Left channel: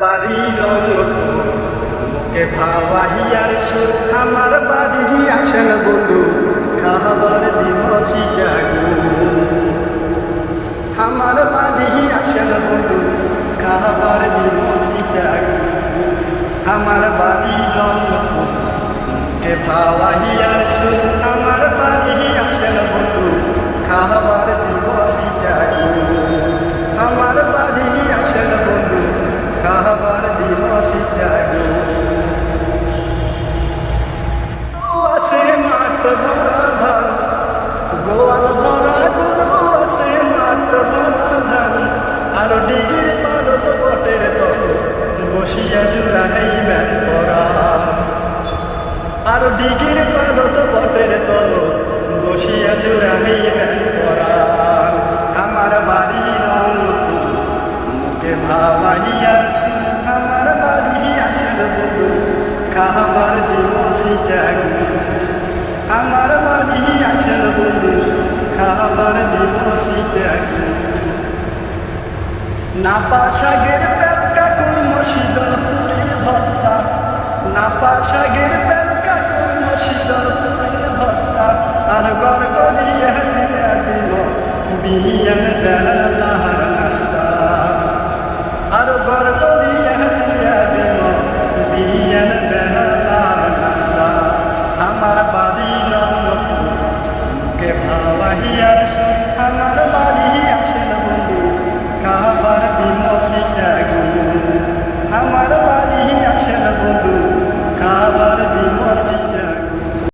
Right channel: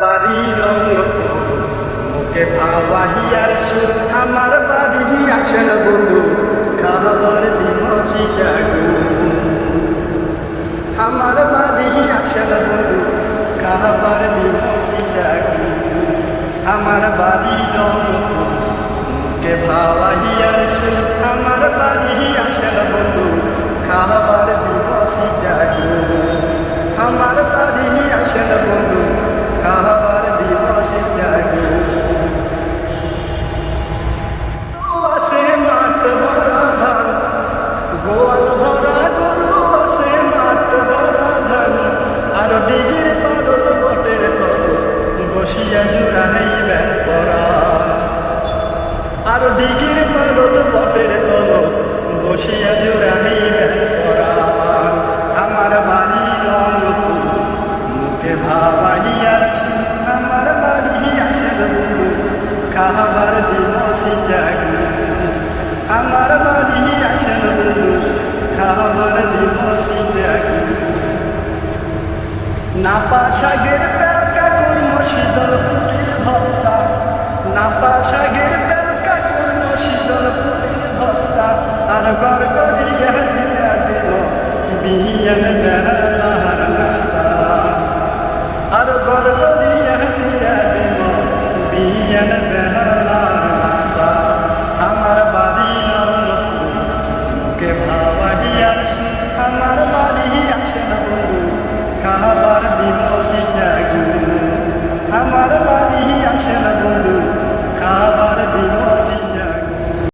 বাড়ি রংপুর। মুখে ভাওয়াহিয়ার সুর, আমার বাড়ি আসেন বন্ধু, খাবার দিম চিটাগু। আমার বাড়ি আসেন বন্ধু, খাবার দিম চিটাগু। আমার বাড়ি রংপুর, মুখে ভাওয়াহিয়ার সুর, আমার বাড়ি আসেন বন্ধু, খাবার দিব চিটাগু। আমার বাড়ি আসেন বন্ধু খাবার দিব চিটাগু আছে মাঠ ভরা ধান, গোয়াল ভরা গরু আছে মাঠ ভরা ধান, আর ডিগির পারত বটের তল বসিয়া জুড়াইবেন পরা। আর ডিগির পারত বটের তল বসিয়া জুড়াইবেন পরা। মুখে ভাবাইয়ার সুর, আমার বাড়ি আসেন বন্ধু খাবার দিম সিটাগু আমার বাড়ি আসেন বন্ধু খাবার দিম সিটাগু নাপা শাগের পেলকা কর্ম শীতল পুরীর ভত্তা, নাপা শাগের পেলকা কর্ম শীতল পুরীর ভত্তা, আর গড় করিয়া দিয়া দিল বিয়ান বেলার নাস্তা। আর করিয়া দিয়া দিল বিয়ান বেলার নাস্তা। আমার বাড়ি রঙ্গপুর মুখে ভাওয়াহিয়ার সুর। আমার বাড়ি আসেন বন্ধু। খাবার দিম সিটাগু আমার বাড়ি আসেন বন্ধু। খাবার দিম সিটাগু